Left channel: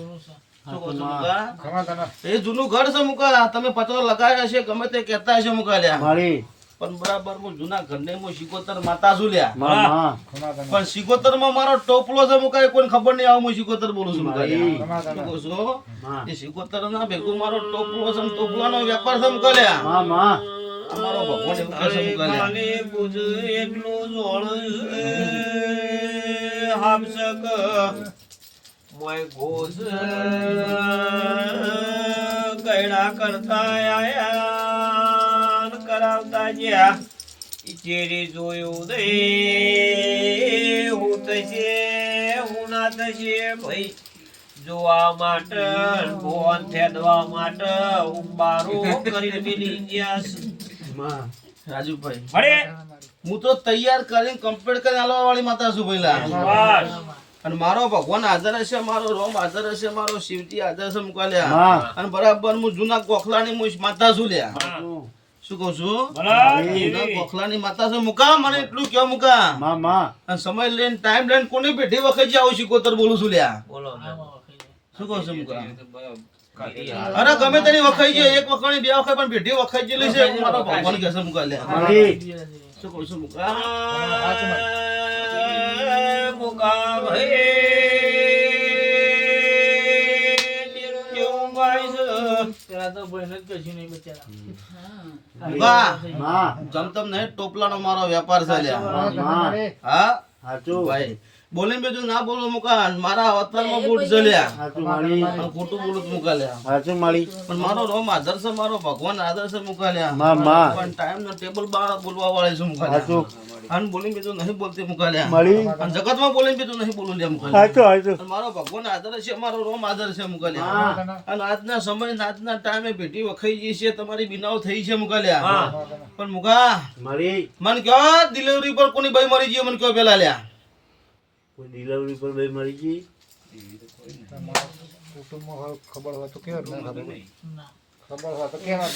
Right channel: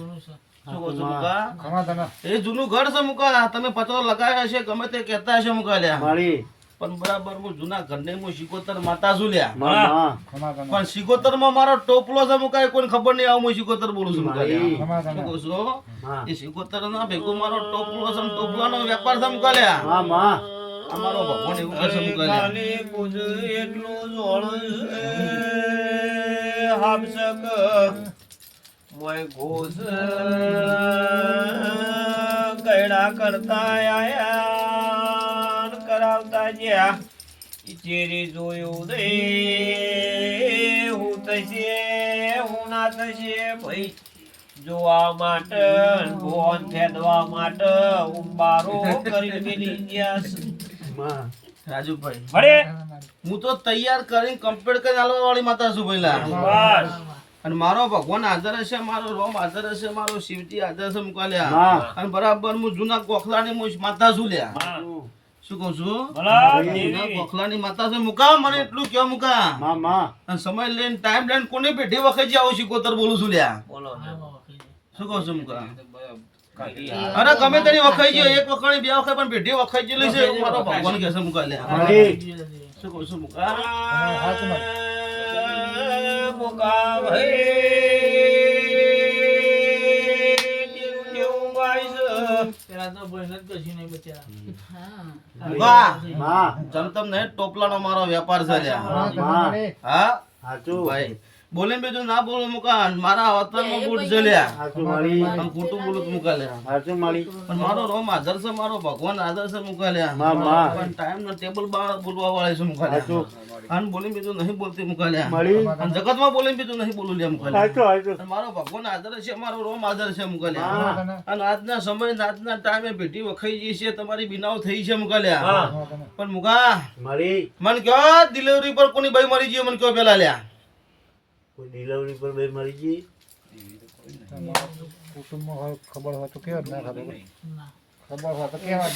શું કહો છો મુકા? એ જૂનું ઘર છે મુકા. તમે પત્રો લગાવ્યા હશે ગમે તે કહેતા હશે મુકા લ્યા. પણ બરાબર હું જૂના ઘરને હું સિકોતર માતા છું લ્યા. પણ સિકોતર માં મારો ટોપલો છે મુકા. કોઈ ખબર નહીં આવું હું સિકોતર બોલું છું મુકા લ્યા. શું કહું છું? એ સિકોતર ના ભેગું મારો ટોપલો છે. ટોપલાનો વેપાર છે મુકા લ્યા. અમારો ભગવાન એવું કહે છે મુકા લ્યા. હાબસક મોય ઘોષ ગયડા કરતા આયા કરાવતા જ્યાં ચેરી જોયું દે હું થશે હું ના થશે ભાઈ જોવા માટે ભોન ફેદવા માટે ઉંબારો કરીને મિલી ગયા. રાજુભાઈ મળે હું તો તૈયાર કરીને કમ્પ્લીટ કરીને આલવા વાળી માતા છું ભાઈલા. અને મારો ભગવાન હાજર હશે, મારો રોમ હાજર હશે, મારો શિવજી હાજર છે મુકાલ્યા. અને બરાબર હું જૂના કોખલાની માતા છું લ્યા. શું કહું છું? જૂના કોખલાની માતા છે મુકા. મને એટલું કેવું મુકા. અને સમય લઈને ટાઈમ લઈને કોની પેઢી વખત આવું શીખોતર બોલું છું લ્યા. શું કહું છું મુકા? અરે ગમે તેની વખાઈ ગયો, એક વખાણી બે વખાઈ પણ પેઢી વખાઈ ગયેલી છે. મારો ભગવાન કહે છે મુકાલ્યા. શું કહું છું મુકા? મુકા જમતમ નહીં ટોપલાનો મારો વેપાર ચાલ્યા. હા ભાઈ બોલે બેઠું ના બોલો મુકા. મારા અવતારમાં બૂટ ચાલ્યા. ખોટું બોલું મુકાલ્યા. પણ મારો રોમ આદર છે, મારો ભગવાન આદર છે મુકાલ્યા. પણ ટાઈમ નો ટેબલ બાર બોલવા વાળા છે મુકાલ્યા. અને બોલી બીજું નહીં બોલતી મુકાલ્યા. અને જગત માં બોલી બીજું નહીં બોલું લ્યા મુકાલ્યા. મારો ભગવાન આદર છે, મારો રોમ આદર છે મુકાલ્યા. અને આજના સમય આજના ટાઈમે ભેટી વખાઈ ગઈ છે, તમારી બિનાવ થઈ છે મુકાલ્યા. પણ મુકા મન કયો ડિલિવરી પર કોની ભાઈ મરી ગઈ મને કયો પેલા લ્યા. ડિલિવરી પર બે મરી ગઈ ખબર હોય તો કેવા ખબર હોય તો કેવા